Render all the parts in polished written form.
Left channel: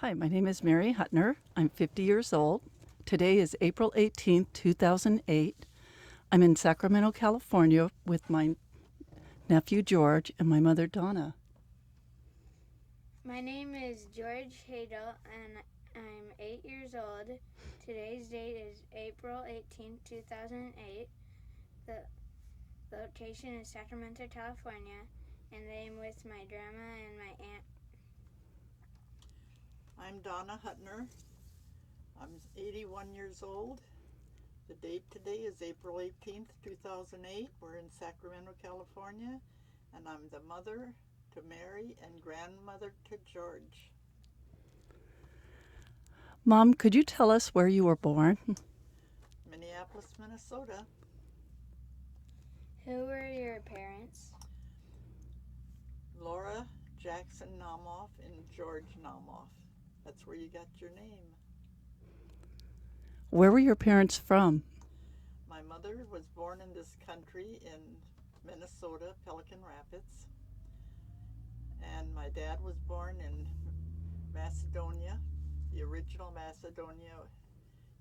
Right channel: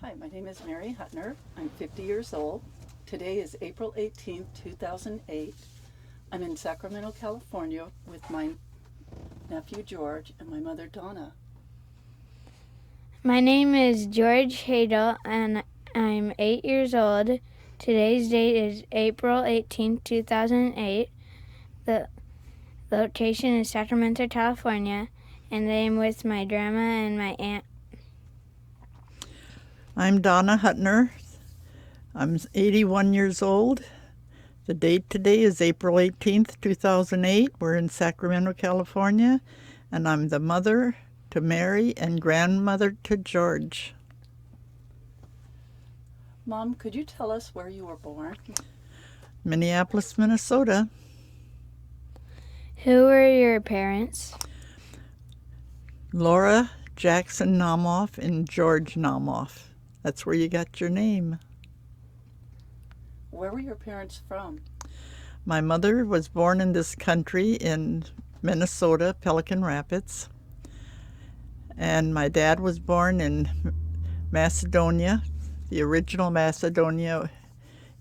Hi, my name is Mary Huttner. I'm 50 years old. Today is April 18th, 2008. I'm in Sacramento, California with my nephew George and my mother Donna. My name is George Hagel, and I'm 8 years old. Today's date is April 18th, 2008. The location is Sacramento, California, and I am with my grandma and my aunt. I'm Donna Huttner. I'm 81 years old. The date today is April 18th, 2008. We're in Sacramento, California, and I'm the mother to Mary and grandmother to George. Mom, could you tell us where you were born? Minneapolis, Minnesota. Who were your parents? Laura Jackson Namoff and George Namoff. That's where you got your name. Where were your parents from? My mother was born in this country in Minnesota, Pelican Rapids. And my dad was born in Macedonia, the original Macedonia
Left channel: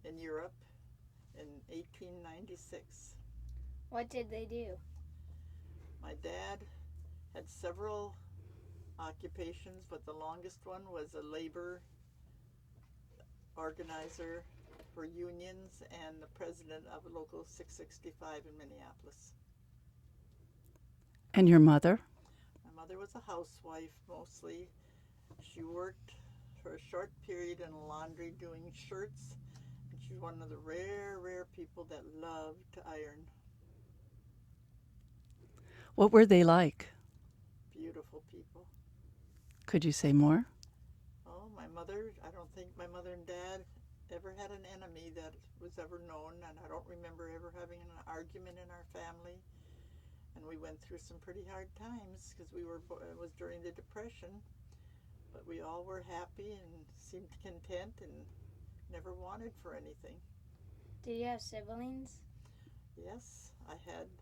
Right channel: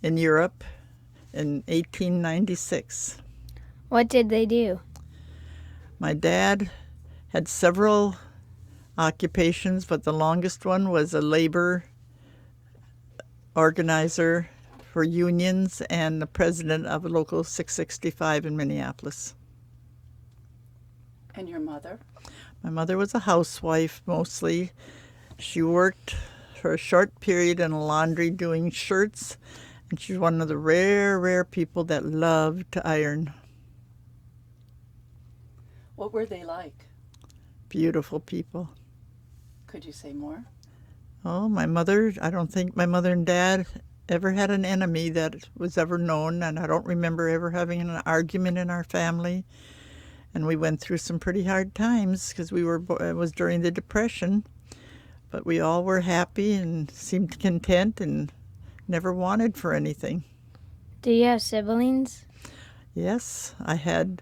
in Europe, in 1896. What did they do? My dad had several occupations, but the longest one was a labor organizer for unions and the president of Local 665 in Minneapolis. And your mother? My mother was a housewife mostly. She worked for a short period in a laundry doing shirts, and she's one of the rare people that loved to iron. What were they like? Beautiful people. Could you say more? Oh, I don't think my mother and dad ever had an enemy that was ever known, and I don't remember ever having an argument in our family. And we went through some pretty hard times because it was during the Depression, but we all were happy and seemed content and never wanted for anything. Do you have siblings? Yes, I had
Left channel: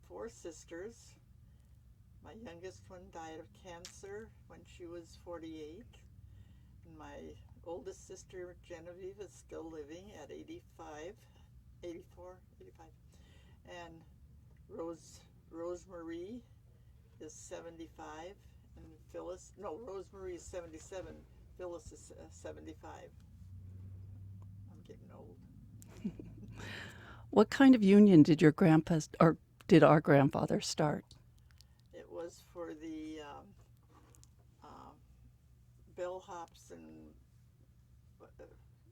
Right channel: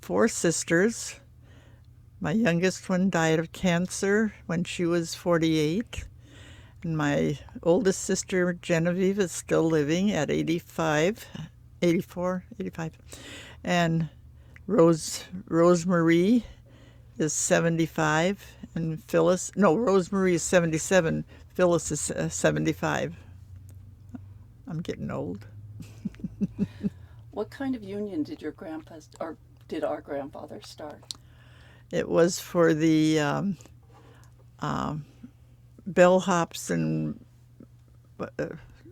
4 sisters. My youngest one died of cancer when she was 48. And my oldest sister, Genevieve, is still living at 85. And Rosemarie is 75. And Rosemarie is 77. Phyllis is 75. I'm getting old. What kind of union did your did our grandfather start? It was for the bellhops and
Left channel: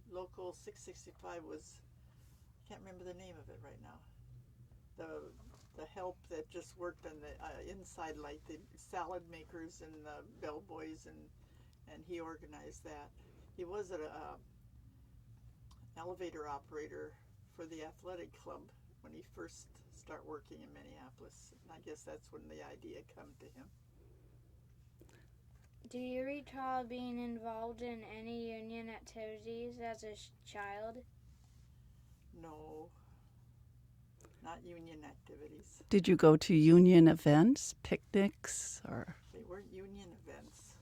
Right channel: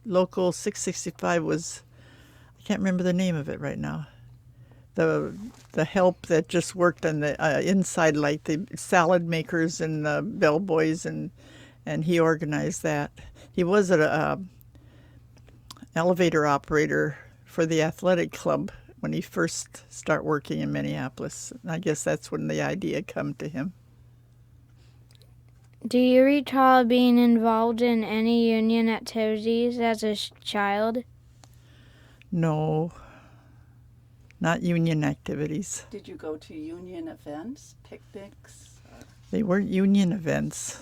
Local 665 was, I can't remember the name of it right now. The help that just worked on the inside, like the salad makers and the bellboys, and he organized that. He was an elevator operator for the athletic club when he first started working in Minneapolis. I guess that's when the idea come to him. Do you recall being involved in any union activities as a child? No, not union activities. Did you go to union events, picnics? They weren't union events.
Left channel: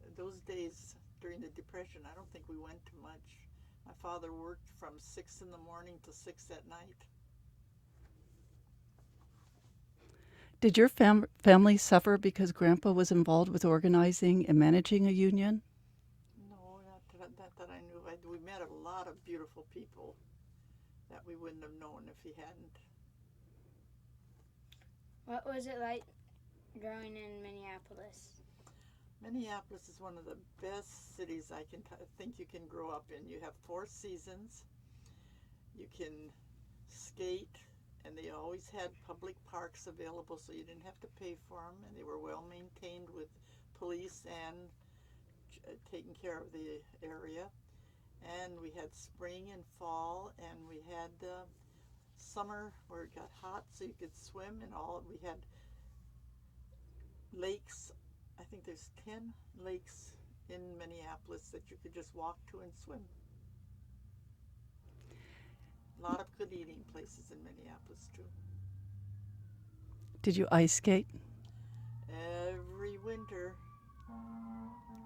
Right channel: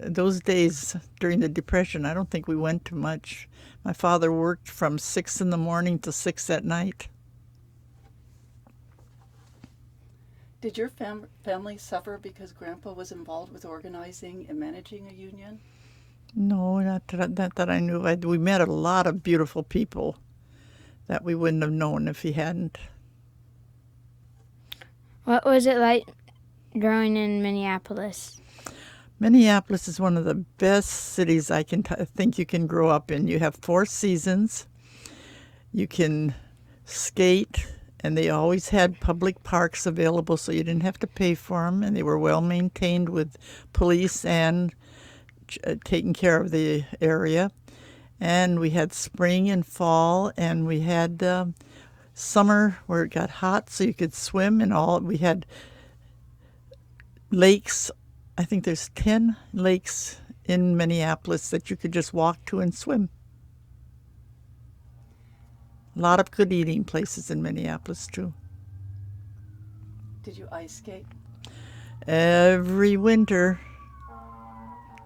Those days during the Depression, I don't think we went to much. My father worked from 6 in the morning to 6 at night. Did your family suffer because Grandpa was involved with organizing and managing a union? No, not that I knew. We met a lot of beautiful people that we wouldn't have known if he hadn't. What was it like growing in Minneapolis? Minneapolis is one of the best cities I think you can grow up in. You have 4 seasons. You can skate, and they always had public parks available, so you didn't have to pay for them, and they were well maintained with police and taking care of the area. And we had spring and fall, and we had summer where it got hot so you could swim and all. We had lakes. I think there's 10 lakes in Minneapolis that you could just walk to and swim. A lot of good eating places in Minneapolis, too. Did you ice skate? Every winter.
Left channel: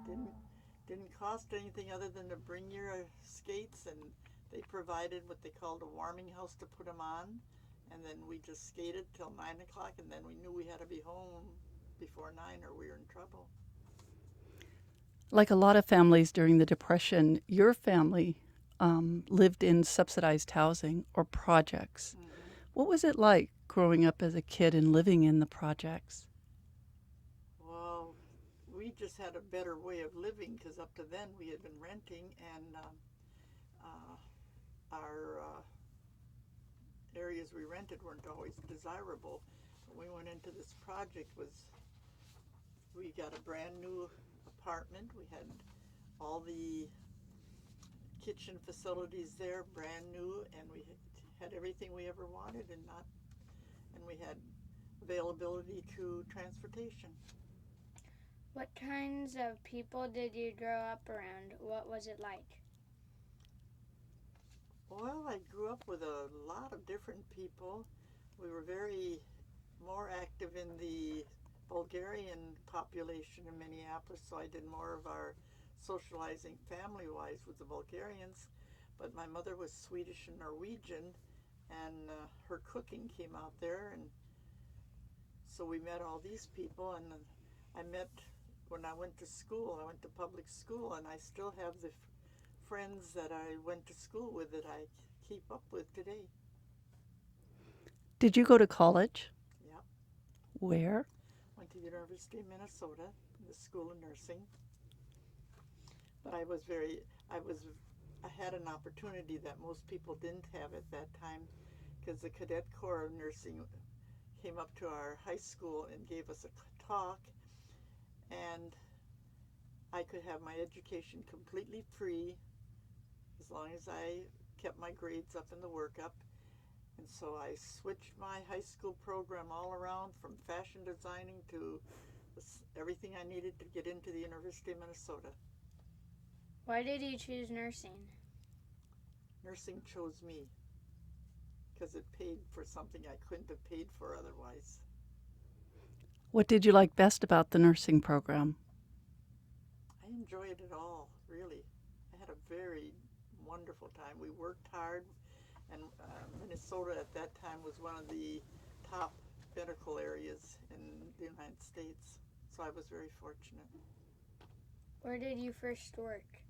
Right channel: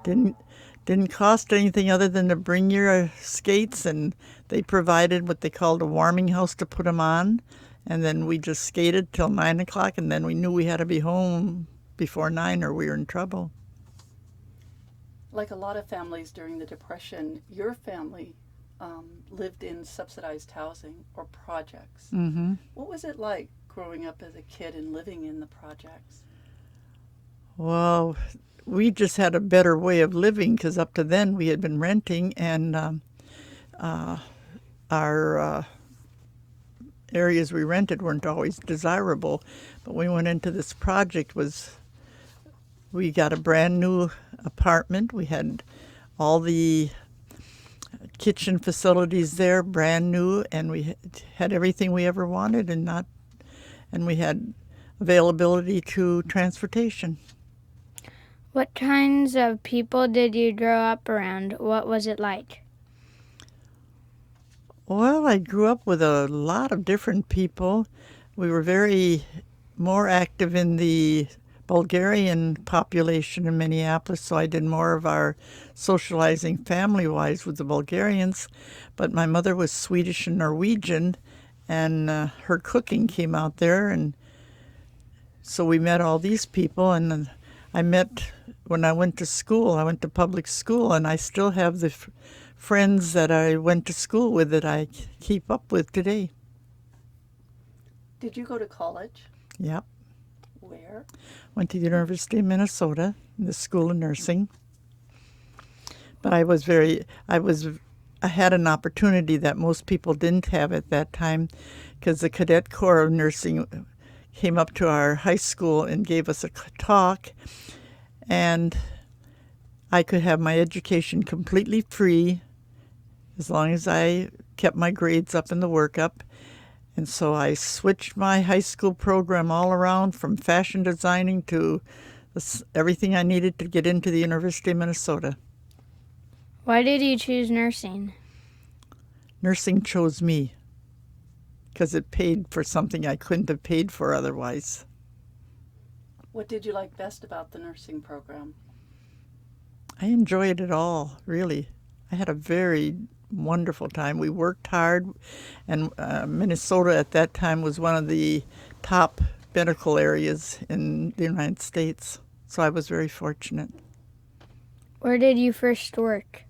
Didn't didn't cost anything other than to bring your skates, and they provided what they called a warming house to put them on, and then we just skated till 9 o'clock, and then we knew we had to be home before 9 or we were in trouble. Like a lot of families during the Depression, your family lived in subsidized housing or projects. Mm-hmm. What was it like growing up as a kid and living in the projects? Well, we just had a better way of living because up to then we had been renting, and our areas we rented weren't always desirable. But we went into this project we got a brand new apartment. We had all the kitchen facilities there, brand new, and we had everything we ever wanted, and we had availability to transportation. What kinds of people did you grow up around? What was it like? Well, I grew up with a lot of different people. We were very more active in the Bulgarian population in Minneapolis, so I did more of our socializing family-wise with the Bulgarians. But my mother was Swedish and Norwegian, and her cooking came out there, and so we met all these people. And I met, when I went to school, I went to public school, and I still have the friends that I went to school with that I keep up with today. Did you go to college? Yep. Where? Went to the University of Minnesota, in the School of Nursing. But I had an opportunity that most people didn't have at that time, because the Cadet Corps of Nursing came up to our high school and gave us a talk, and I could have my education completely free as long as I kept my grades up in the workup. And so I switched my high school program all around, from fashion designing to everything I needed to get into the University of Minnesota. Why did you choose nursing? Nursing chose me because it paid for something I couldn't have paid for otherwise. What did you like best about the nursing program? I enjoyed it all, really. I had a very wonderful time. We worked hard, and Minnesota at that time was one of the top medical areas in the United States, so I was very fortunate. Where did you first work?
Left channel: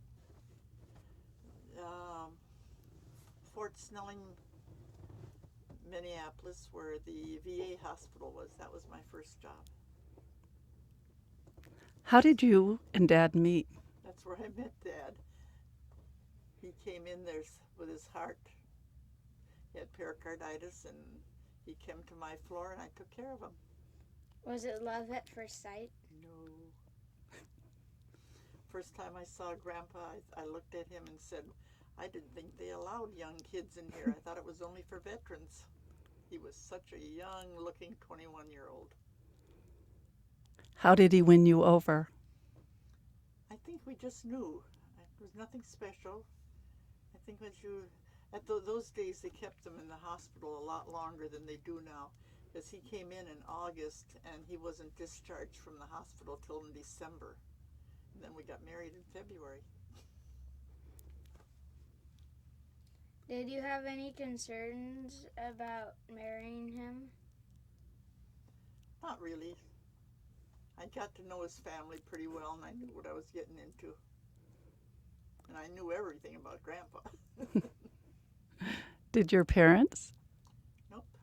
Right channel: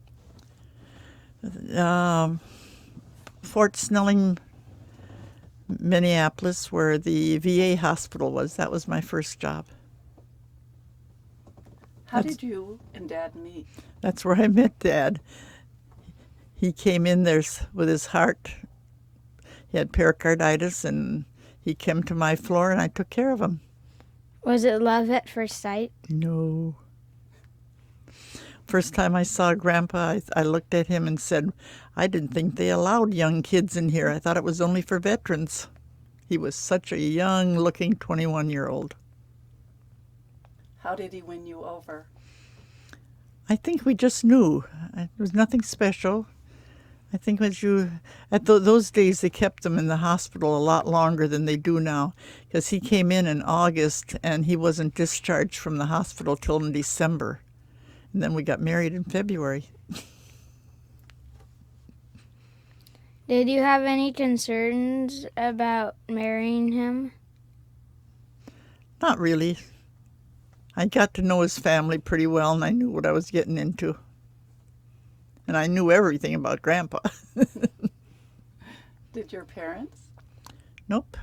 Fort Snelling, Minneapolis, where the VA hospital was. That was my first job. How did you and Dad meet? That's where I met Dad. He came in there with his heart. He had pericarditis, and he came to my floor, and I took care of him. Was it love at first sight? No. First time I saw Grandpa, I looked at him and said, I didn't think they allowed young kids in here. I thought it was only for veterans. He was such a young-looking 21-year-old. How did he win you over? I think we just knew. It was nothing special. I think those days they kept them in the hospital a lot longer than they do now, because he came in August and he wasn't discharged from the hospital till in December. And then we got married in February. Did you have any concerns about marrying him? Not really. I got to know his family pretty well, and I knew what I was getting into. And I knew everything about Grandpa. Did your parents? Nope.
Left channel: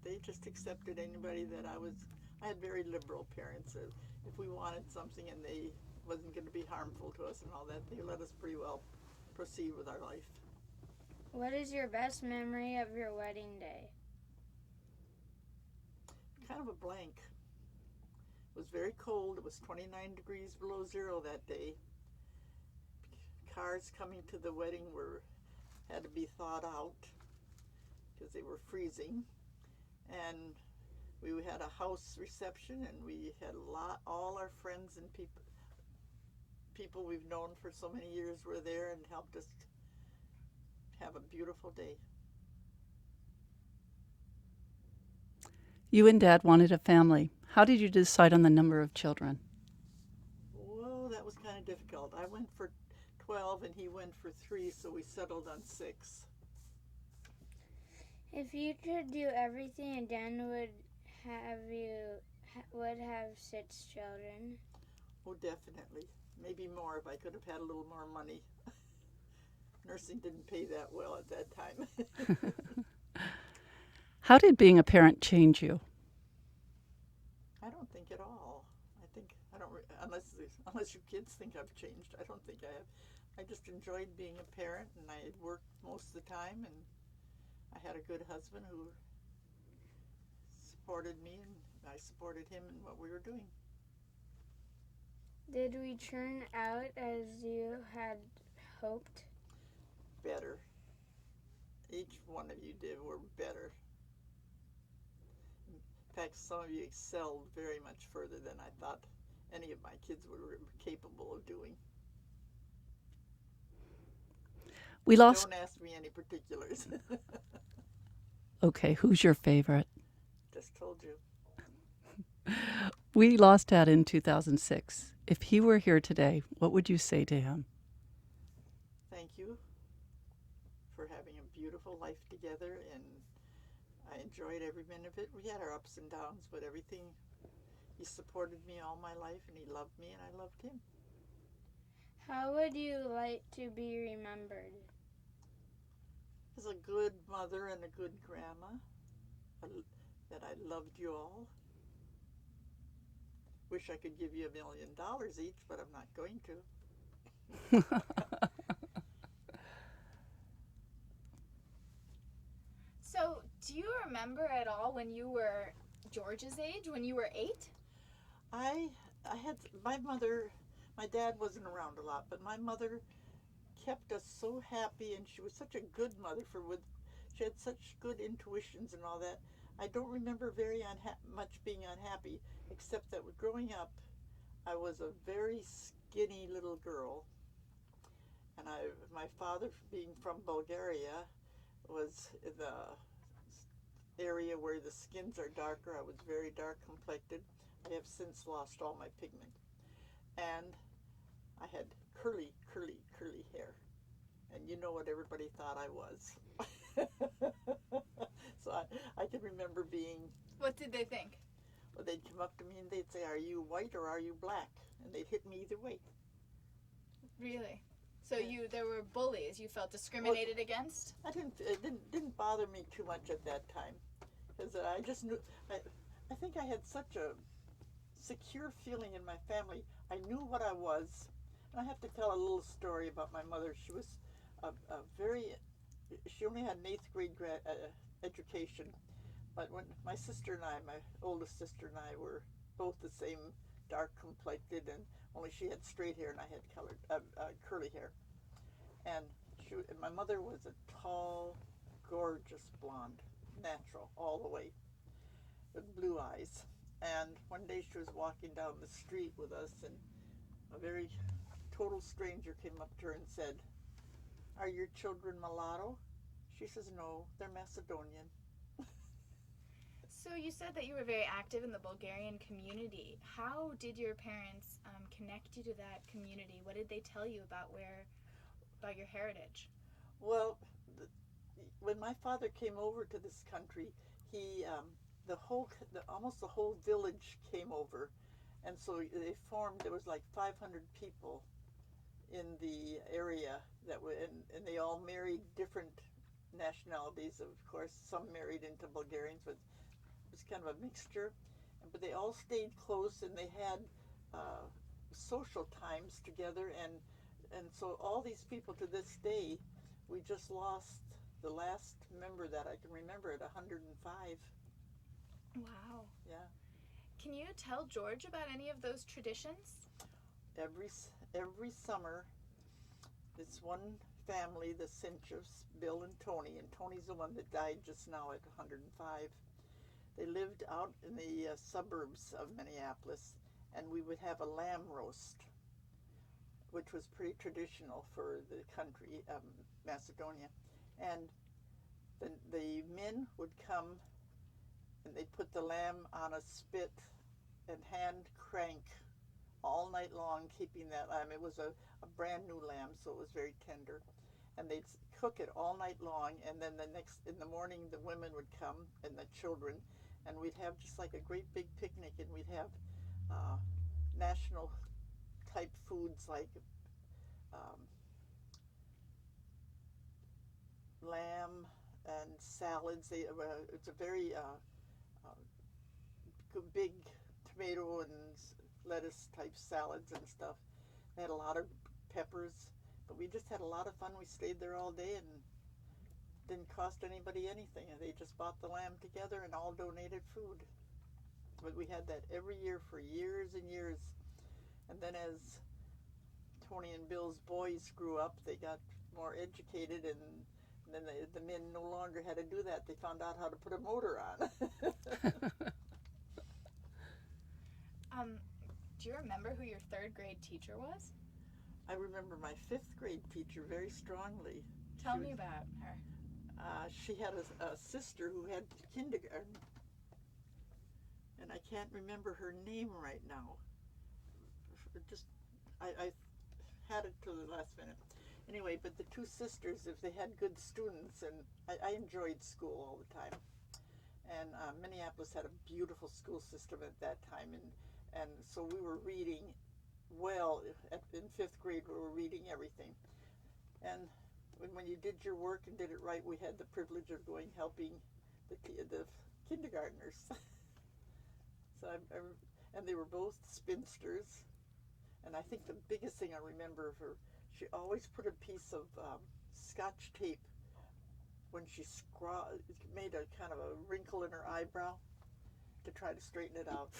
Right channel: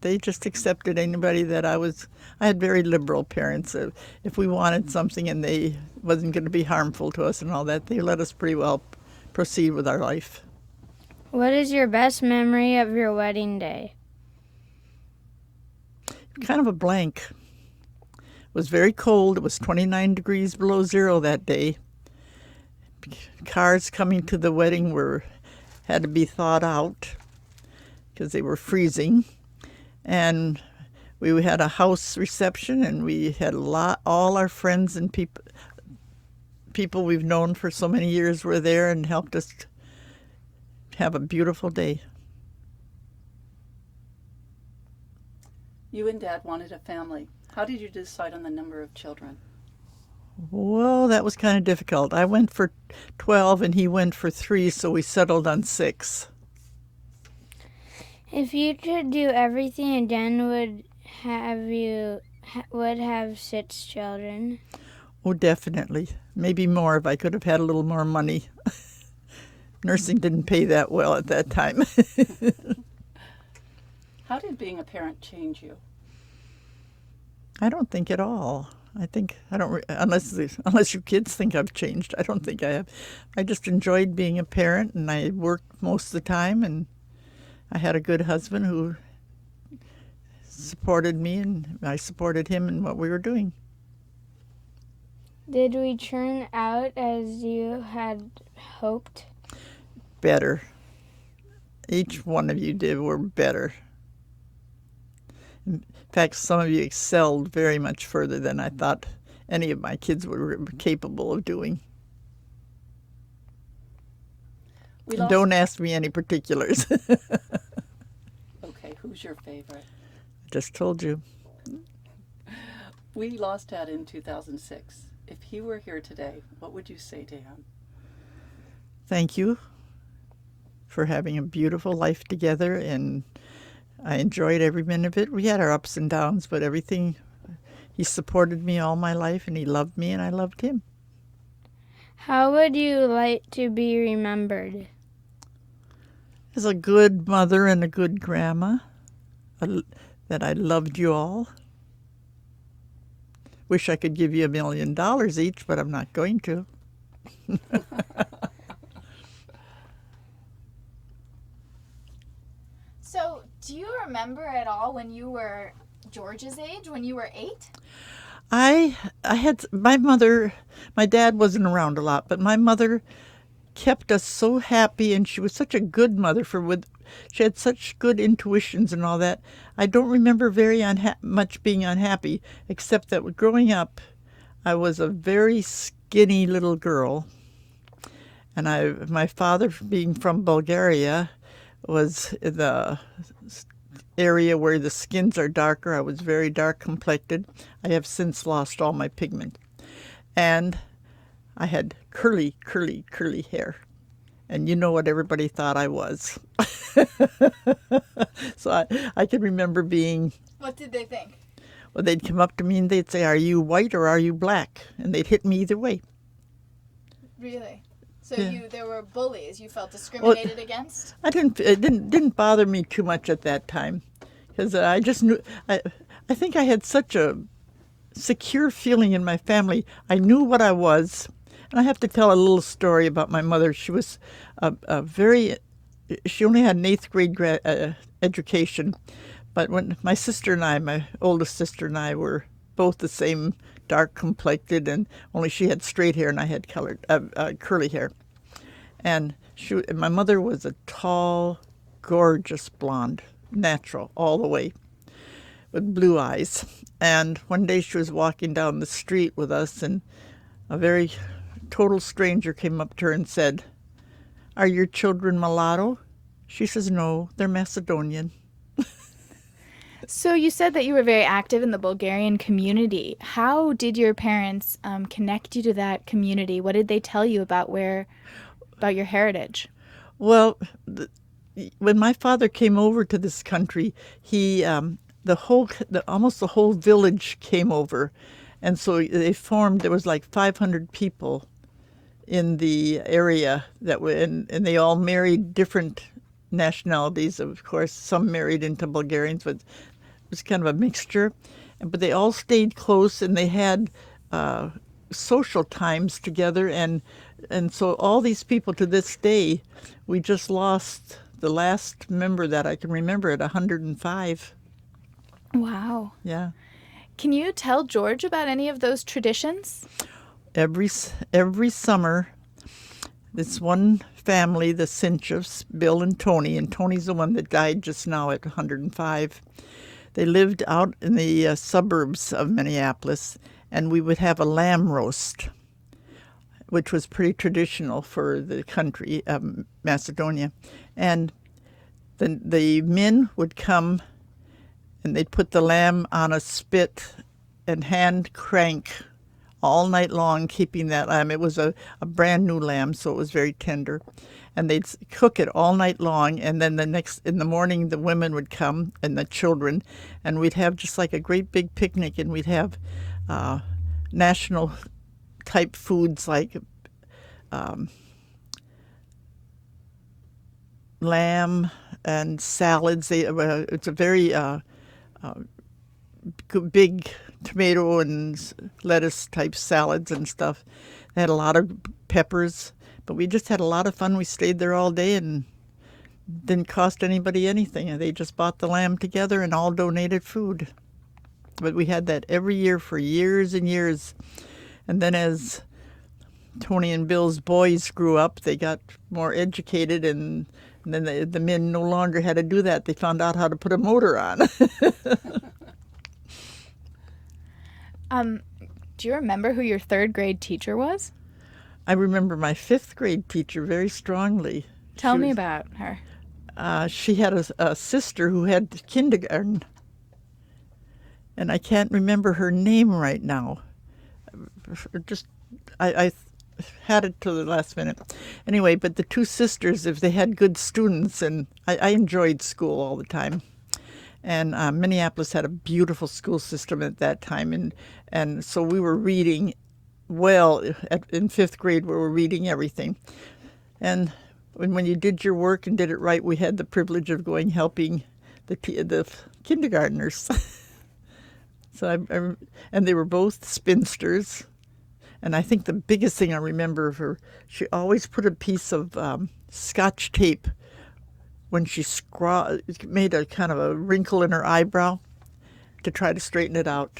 They just accepted anybody that I had very liberal parents. If we wanted something and they wasn't going to be harmful to us and all that, they let us pretty well proceed with our life. What is your best memory of your wedding day? Kind of a blank. It was very cold. It was 29 degrees below zero that day. Cars coming to the wedding had to be thawed out because they were freezing. And we had a house reception, and we had all our friends and people we've known for so many years were there and helped us have a beautiful day. You and Dad wanted a family. How did you decide on the number of children? Well, that was kind of difficult. I went for 12 and he went for 3, so we settled on 6. If you could do everything again, would have 6 children? Oh, definitely. Maybe more if I could have had a little more money. Nursing didn't pay that well at that time. How did being a parent change you? I don't think at all. Unless you kids think I've changed. I don't think I have. I just enjoyed being a parent, and I worked most of the time, and I had a good husband who supported me, and I supported him in what we were doing. Did we turn out as you had hoped? Better. Each one of you were better. In fact, some of you excelled very much further than I thought any of my kids were capable of doing. Don't ask me any particulars. Okay, who's your favorite? Just told you. We lost Dad in 2006. If he were here today, what would you say to him? Thank you for having a beautiful life together, and I enjoyed every minute of it. We had our ups and downs, but everything, he supported me all my life, and he loved me, and I loved him. How would you like to be remembered? As a good mother and a good grandma, that I loved you all. Wish I could give you $1 million each, but I'm not going to. So, do you remember at all when you were George's age, when you were 8? I had my mother. My dad wasn't around a lot, but my mother kept us so happy, and she was such a good mother. She had such good intuitions and all that. I don't remember very much being unhappy, except that growing up, I was a very skinny little girl, and my father, being from Bulgaria, was in the area where the skins are darker. I was very dark complected. I have since lost all my pigment, and I had curly, curly, curly hair. And you know what everybody thought I was. So I can remember being... What did they think? Well, they'd come up to me and they'd say, "Are you white or are you black?" And they'd hit me either way. Really? So Yeah. there were bullies you felt discriminated against? It didn't bother me too much at that time, because I just knew... I think I had such a secure feeling in my family. I knew what I was. And I have to tell a little story about my mother. She was she only had an 8th grade education, but when my sister and I, my oldest sister and I, were both the same dark complected, and only she had straight hair and I had curly hair. And my mother was a tall, gorgeous blonde, natural all the way, with blue eyes. And one day she was walking down the street with us, and a very total stranger came up to her and said, "Are your children mulatto?" She says, "No, they're Macedonian." So you said that you were very active in the Bulgarian community. How did your parents connect you to that community? What did they tell you about your heritage? Well, when my father came over to this country, he almost the whole village came over, and so there was like 500 people in the area and they all married different nationalities. Of course, some married into Bulgarians, but it was kind of a mixture. But they all stayed close, and they had social times together, and so all these people to this day, we just lost the last member that I can remember at 105. Wow. Yeah. Can you tell George about any of those traditions? Every summer, this one family, the Sinchevs, Bill and Tony's the one that died just now at 105. They lived out in the suburbs of Minneapolis, and we would have a lamb roast, which was pretty traditional for the country of Macedonia. And the men would come, and they'd put the lamb on a spit and hand crank all night long keeping that lamb. It was a brand new lamb, so it was very tender. And they'd cook it all night long, and then in the morning the women would come and the children, and we'd have just like a great big picnic, and we'd have national type foods like lamb and salads. It's a very big tomato and lettuce type salads and stuff. They had a lot of peppers, but we just had a lot of fun. We stayed there all day and didn't cost anybody anything. They just bought the lamb together and all donated food. But we had that every year for years and years. And then as Tony and Bill's boys grew up, they got more educated, and then the men no longer had to do that. They found out how to put a motor on. Do you remember who your third grade teacher was? I remember my fifth grade teacher very strongly. Tell me about her. She had a sister who had kindergarten, and I can't remember her name right now. I had it till the last minute. Anyway, but the two sisters, if they had good students, and I enjoyed school all the time. And Minneapolis had a beautiful school system at that time, and so we were reading well. In fifth grade, we were reading everything. And when you did your work and did it right, we had the privilege of going helping the kindergartners. So and they were both spinsters. And I think the biggest thing I remember of her, she always put a piece of Scotch tape when she made a kind of a wrinkle in her eyebrow to try to straighten it out.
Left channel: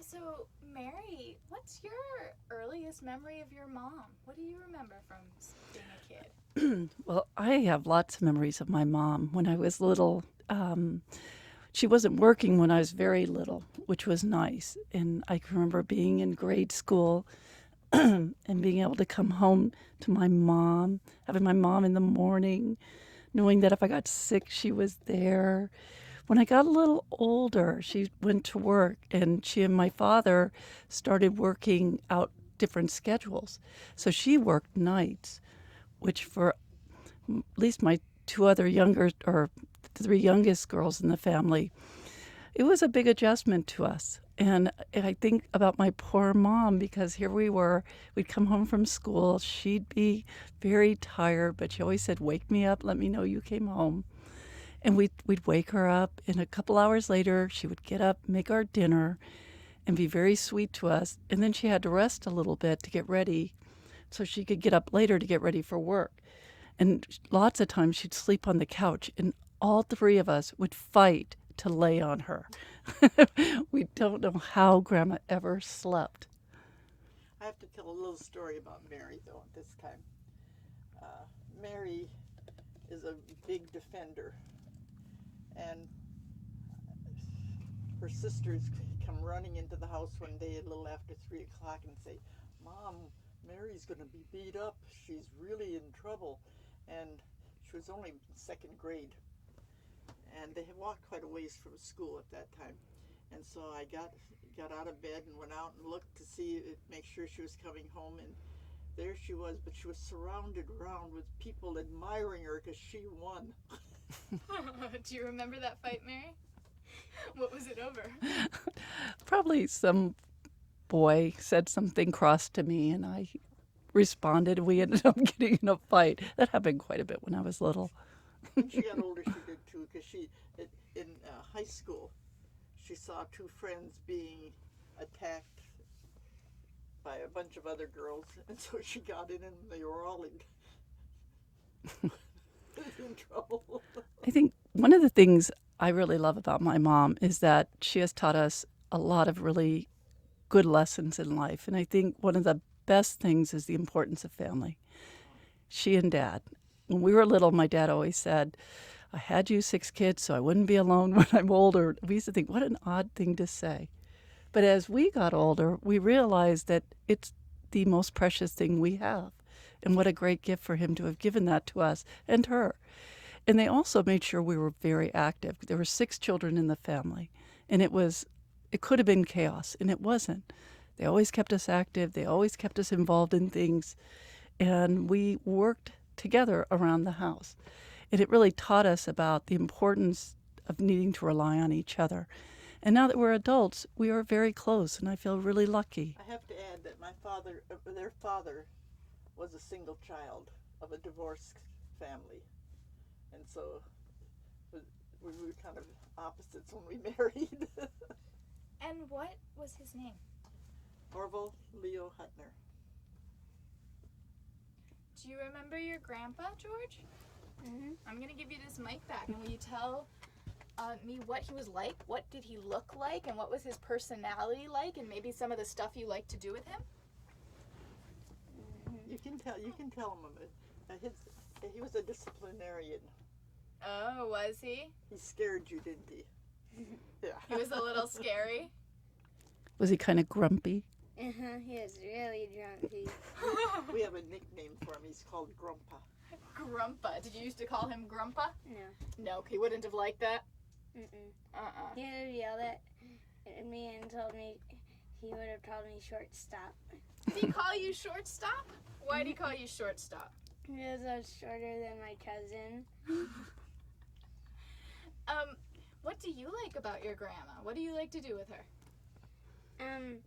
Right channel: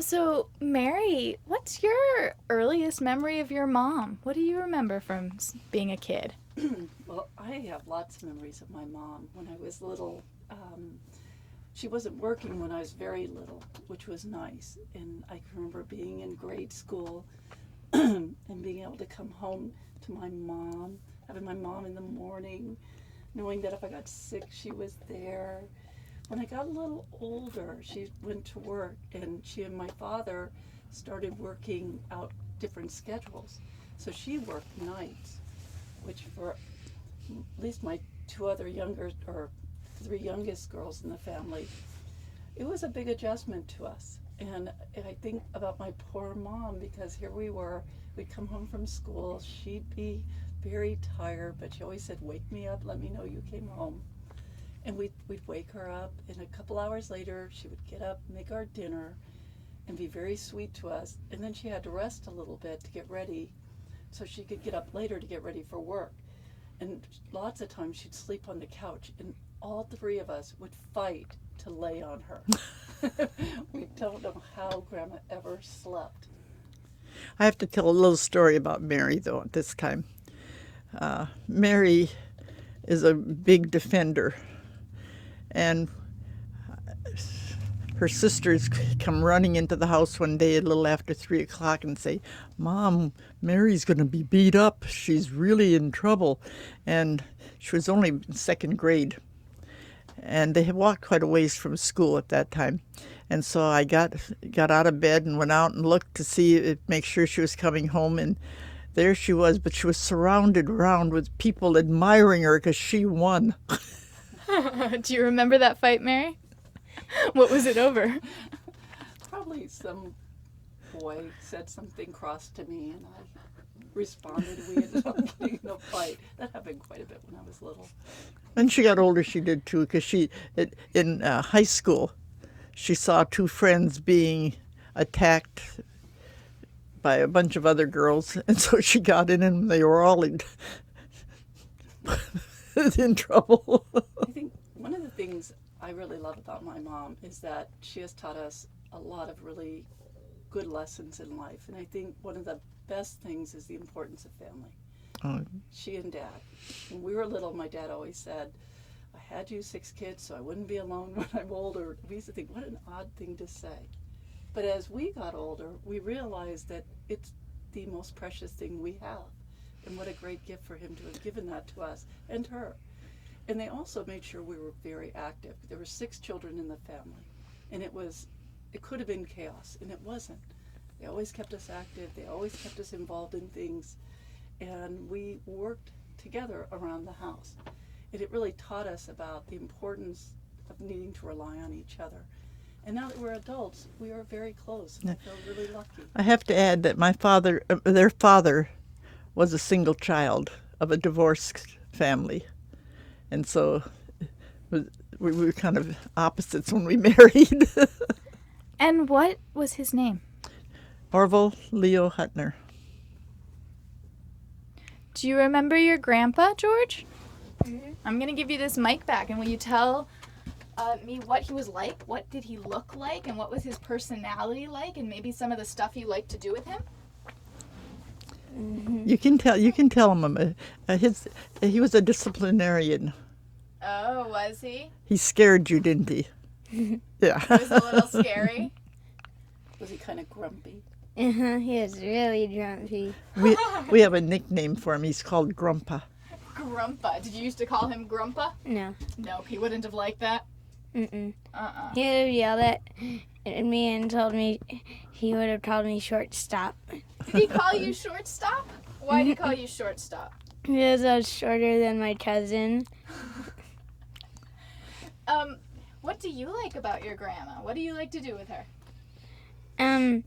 So Mary, what's your earliest memory of your mom? What do you remember from being a kid? Well, I have lots of memories of my mom. When I was little, she wasn't working when I was very little, which was nice. And I can remember being in grade school and being able to come home to my mom, having my mom in the morning, knowing that if I got sick, she was there. When I got a little older, she went to work, and she and my father started working out different schedules. So she worked nights, which for at least my three youngest girls in the family, it was a big adjustment to us. And I think about my poor mom, because here we were, we'd come home from school, she'd be very tired, but she always said, "Wake me up, let me know you came home." And we'd wake her up, and a couple hours later, she would get up, make our dinner, and be very sweet to us. And then she had to rest a little bit to get ready so she could get up later to get ready for work. And lots of times she'd sleep on the couch, and all three of us would fight to lay on her. We don't know how Grandma ever slept. I have to tell a little story about Mary, though, at this time. Mary is a big defender, and her sisters come running into the house one day a little after 3 o'clock and say, "Mom, Mary's going to be beat up. She's really in trouble." And she was only in second grade. And they had walked quite a ways from school at that time. And so I got out of bed and went out and looked to make sure she was coming home. And there she was, but she was surrounded around with people admiring her because she won. Do you remember that fight, Mary? What was it over? Probably some boy said something cross to me, and I responded. We ended up getting in a fight. That happened quite a bit when I was little. When she got older, she did too, because in high school, she saw two friends being attacked by a bunch of other girls, and so she got in, and they were all in trouble. I think one of the things I really love about my mom is that she has taught us a lot of really good lessons in life, and I think one of the best things is the importance of family. Oh. She and Dad. When we were little, my dad always said, "I had you 6 kids so I wouldn't be alone when I'm older." We used to think, what an odd thing to say. But as we got older, we realized that it's the most precious thing we have. And what a great gift for him to have given that to us and her. And they also made sure we were very active. There were 6 children in the family. And it could have been chaos, and it wasn't. They always kept us active. They always kept us involved in things. And we worked together around the house. And it really taught us about the importance of needing to rely on each other. And now that we're adults, we are very close, and I feel really lucky. I have to add that their father was a single child of a divorced family. And so we were kind of opposites when we married. And what was his name? Orville Leo Huttner. Do you remember your grandpa, George? I'm going to give you this mic back, and will you tell me what he was like? What did he look like? And what was his personality like? And maybe some of the stuff you liked to do with him? You can tell him he was a disciplinarian. Oh, was he? He scared you, didn't he? Yeah. He was a little scary. Was he kind of grumpy? He was really grumpy. We have a nickname for him. He's called Grumpa. Grumpa. Did you used to call him Grumpa? No. No, he wouldn't have liked that. Mm-mm. Uh-uh. He would have yelled at me and told me he would have called me shortstop. Did he call you shortstop? Why did he call you shortstop? Because I was shorter than my cousin. What do you like about your grandma? What do you like to do with her? I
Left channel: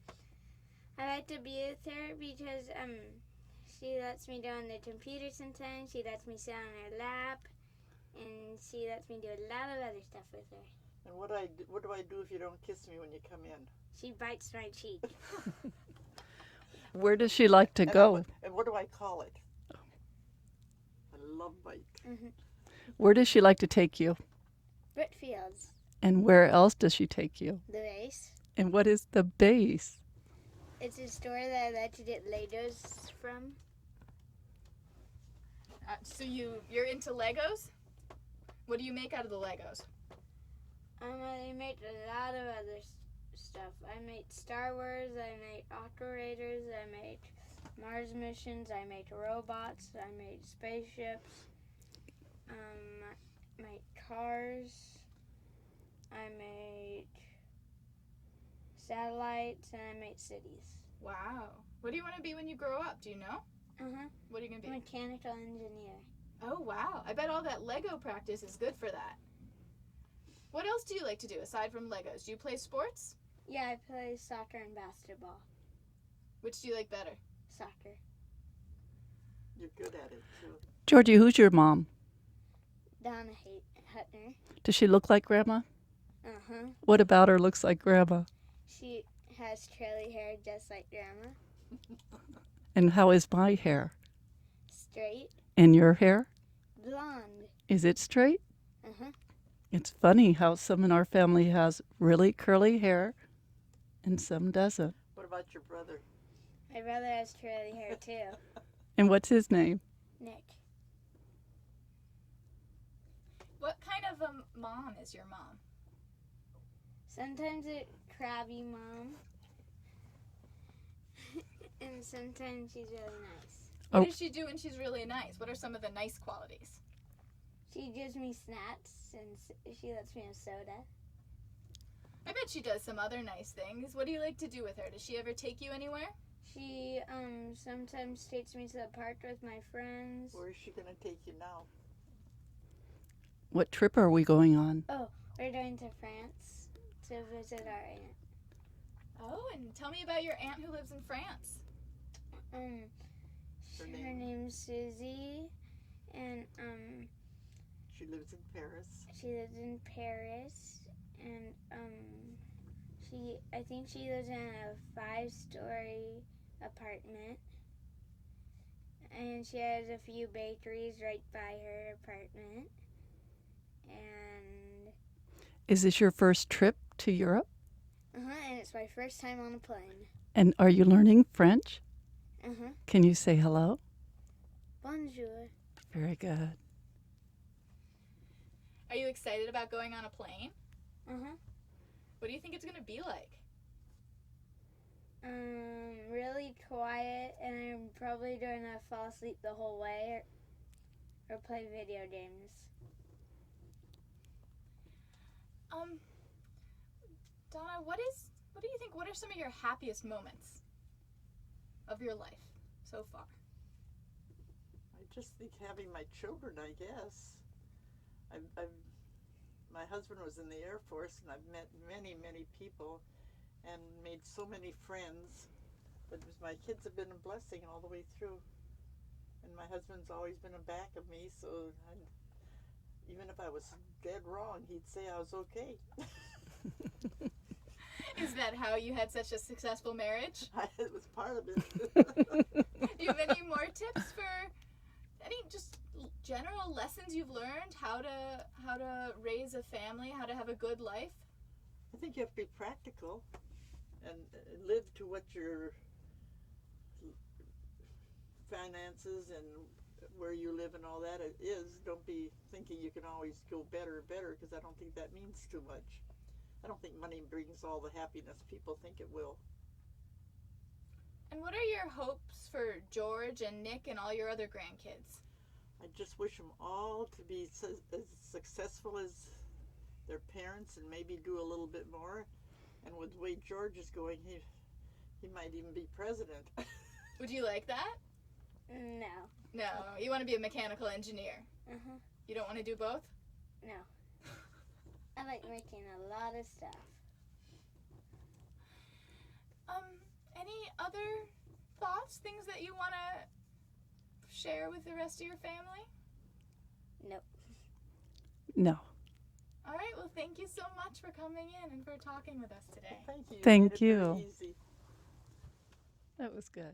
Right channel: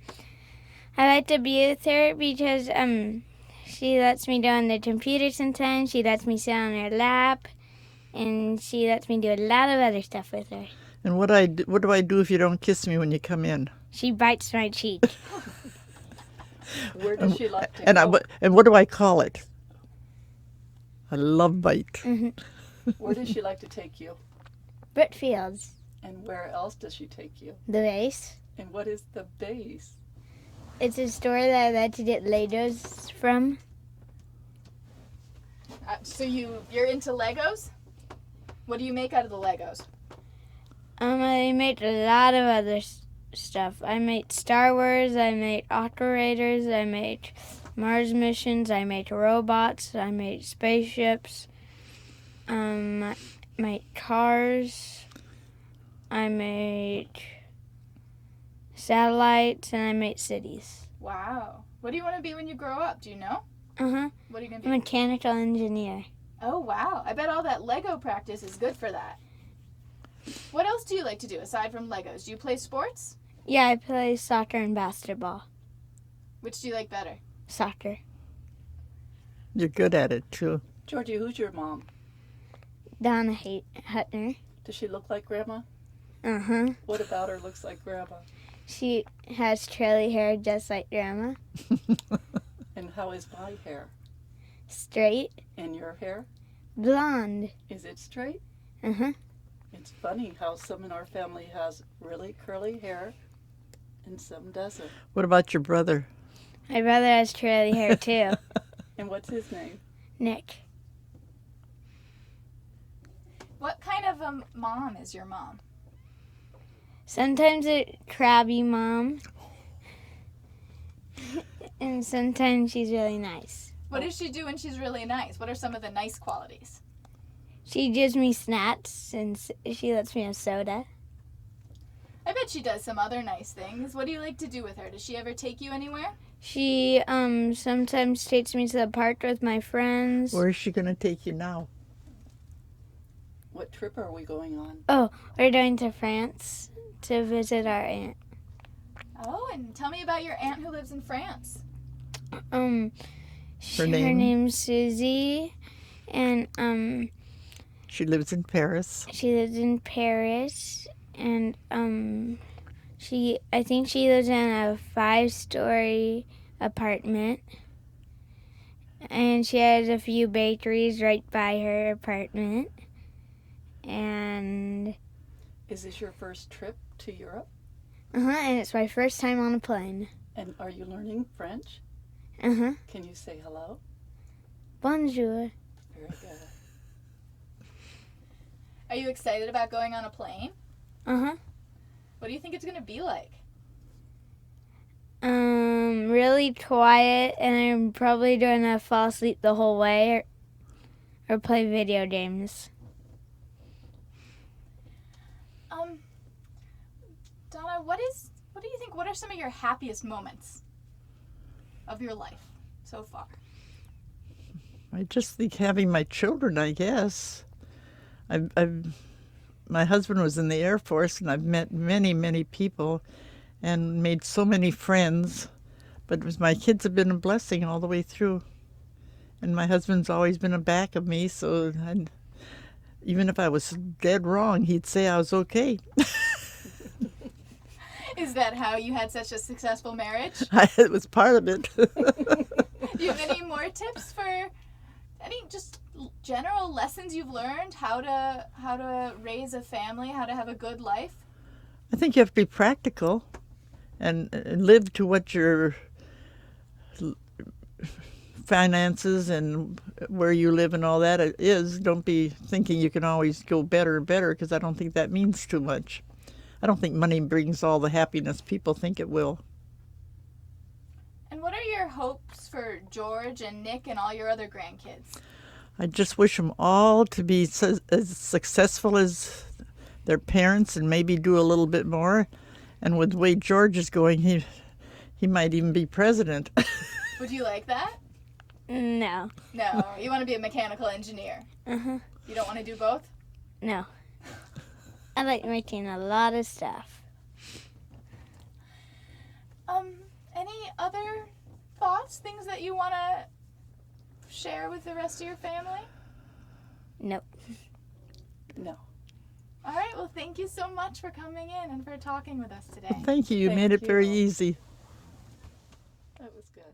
like to be with her because she lets me go on the computer sometimes. She lets me sit on her lap, and she lets me do a lot of other stuff with her. And what do I do if you don't kiss me when you come in? She bites my cheek. Where does she like to go? And what do I call it? A love bite. Where does she like to take you? Brookfields. And where else does she take you? The base. And what is the base? It's a store that I like to get Legos from. So you're into Legos? What do you make out of the Legos? I made a lot of other stuff. I made Star Wars, I made operators, I made Mars missions, I made robots, I made spaceships, I made cars, I made satellites, and I made cities. Wow. What do you want to be when you grow up? Do you know? Uh-huh. What are you going A to be? mechanical engineer. Oh, wow. I bet all that Lego practice is good for that. What else do you like to do aside from Legos? Do you play sports? Yeah, I play soccer and basketball. Which do you like better? Soccer. You're good at it, too. Georgie, who's your mom? Donna Huttner. Does she look like Grandma? Uh-huh. What about her looks like Grandma? She has curly hair just like Grandma. And how is my hair? Straight. And your hair? Blonde. Is it straight? Uh-huh. It's funny how some in our family has really curly hair and some doesn't. What about your brother? My brother has curly hair too. And what's his name? Nick. What kind of a mom is your mom? Sometimes a crabby mom. And sometimes she's really nice. What does she do when she's really nice? What are some of the nice qualities? She gives me snacks and she lets me have soda. I bet she does some other nice things. What do you like to do with her? Does she ever take you anywhere? She sometimes takes me to the park with my friends. Where is she going to take you now? What trip are we going on? Oh, we're going to France to visit our aunt. Oh, and tell me about your aunt who lives in France. Her Her name? name's Susie, and She lives in Paris. she lives in Paris, and I think she lives in a 5-story apartment, and she has a few bakeries right by her apartment. And Is this your first trip to Europe? and it's my first time on a plane. And are you learning French? Uh-huh. Can you say hello? Bonjour. Very good. Are you excited about going on a plane? Uh-huh. What do you think it's going to be like? Really quiet, and I'm probably gonna fall asleep the whole way or play video games. what do you think? What are some of your happiest moments of your life so far? I just think having my children, I guess. My husband was in the Air Force, and I've met many, many people and made so many friends. But my kids have been a blessing all the way through. And my husband's always been a back of me, so even if I was dead wrong, he'd say I was okay. Is that how you had such a successful marriage? It was part of it. Do you have any more tips for any just general lessons you've learned how to raise a family, how to have a good life? I think you have to be practical and live to what your finances and where you live and all that is. Don't be thinking you can always go better and better, because I don't think that means too much. I don't think money brings all the happiness people think it will. And what are your hopes for George and Nick and all your other grandkids? I just wish them all to be as successful as their parents, and maybe do a little bit more. And with the way George is going, he might even be president. Would you like that? No. No, you want to be a mechanical engineer. Uh-huh. You don't want to do both? No. I like making a lot of stuff. Any other thoughts, things that you want to share with the rest of your family? Nope. No. All right, well, thank you so much for coming in and for talking with us today. Thank you. You Thank made it very you. easy. That was good.